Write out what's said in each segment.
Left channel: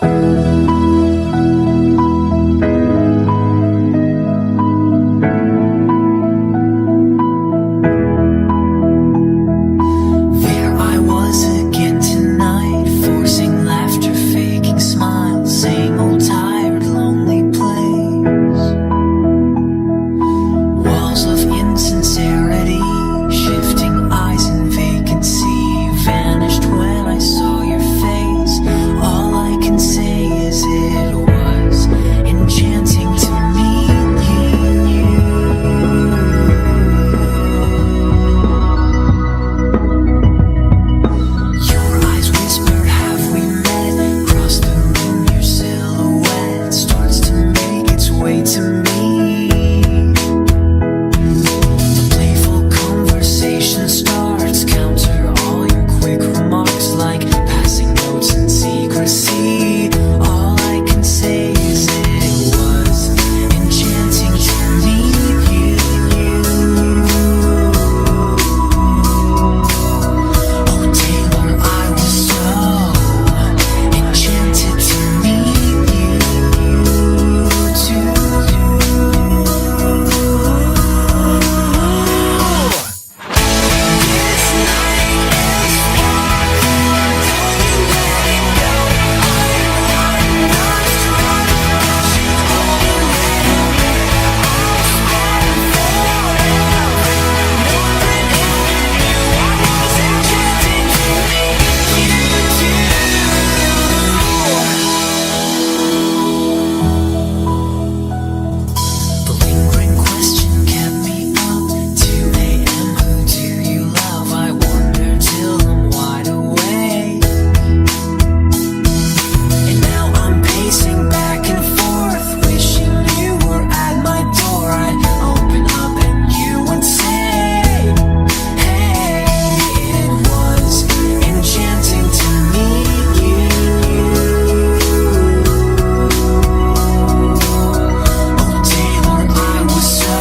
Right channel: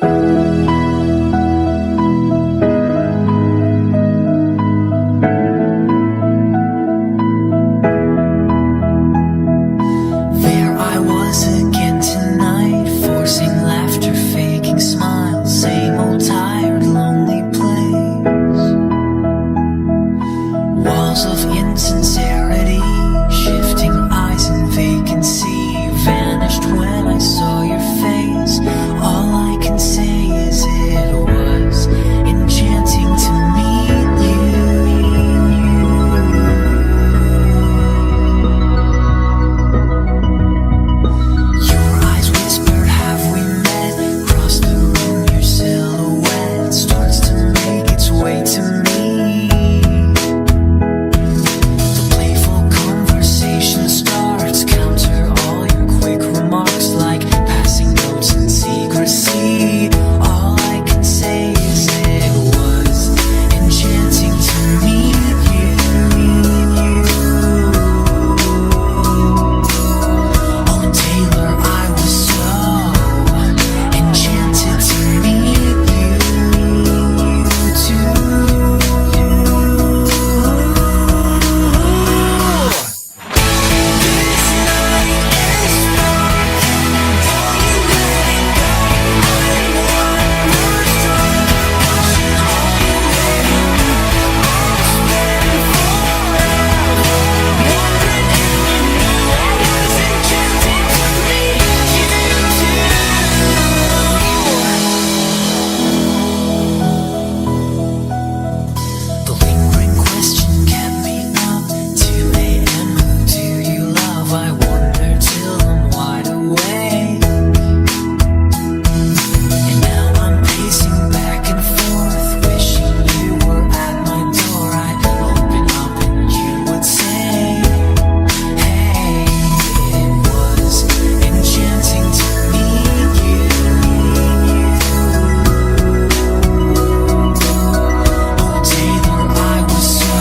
There I was again tonight, forcing laughter, faking smiles, same old tired, lonely place. Walls of insincerity, shifting eyes and vacancy, vanished when I saw your face. All I can say is it was enchanting to meet you. Your eyes whispered, have we met? Across the room, your silhouette starts to make its way to me. The playful conversation starts, counter all your quick remarks like passing notes in secrecy. All I can say is it was enchanting to meet you. Oh Taylor, I was so enchanted to meet you too. This night is sparkling, don't you let it go. I'm wonderstruck, rushing all the way home. I'll spend forever wondering if you knew I was enchanted to meet you too. The lingering question kept me up. 2 a.m. Who do you love? I wonder till I'm wide awake. And now I'm pacing back and forth, wishing you were at my door. I'd open up and you would say, hey, it was enchanting to meet you. Oh Taylor, I was so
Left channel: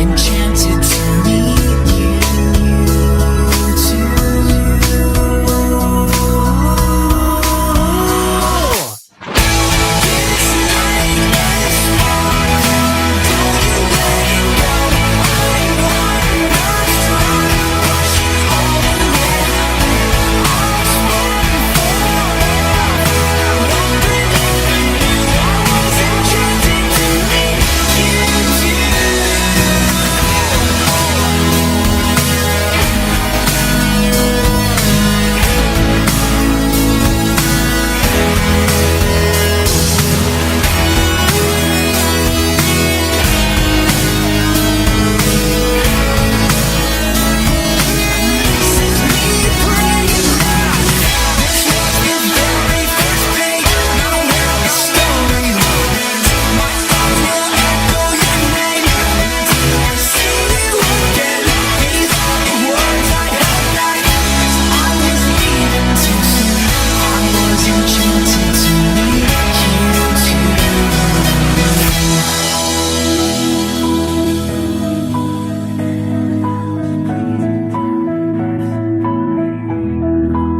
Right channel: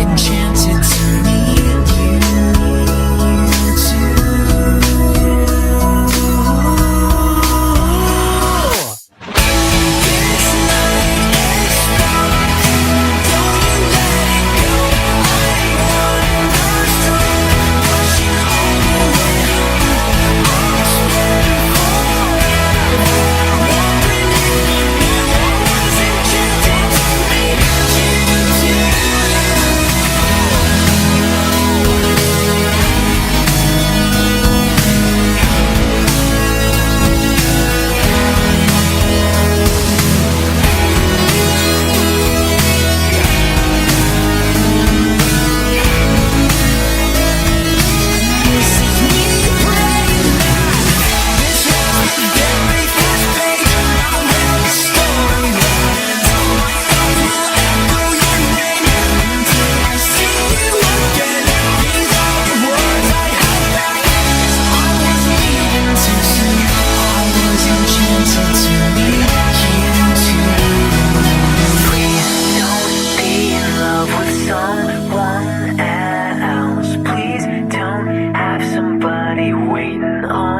enchanted to meet you too. This night is sparkling, don't you let it go. I'm wonderstruck, rushing all the way home. I'll spend forever wondering if you knew I was enchanted to meet you too. This is me praying that this was the very first page, not where the story ends. My thoughts will echo your name until I see you again. These are the words I held back, 'cause I was leaving too soon. I was enchanted to meet you too. Don't be in love with someone else. Please don't have somebody waiting on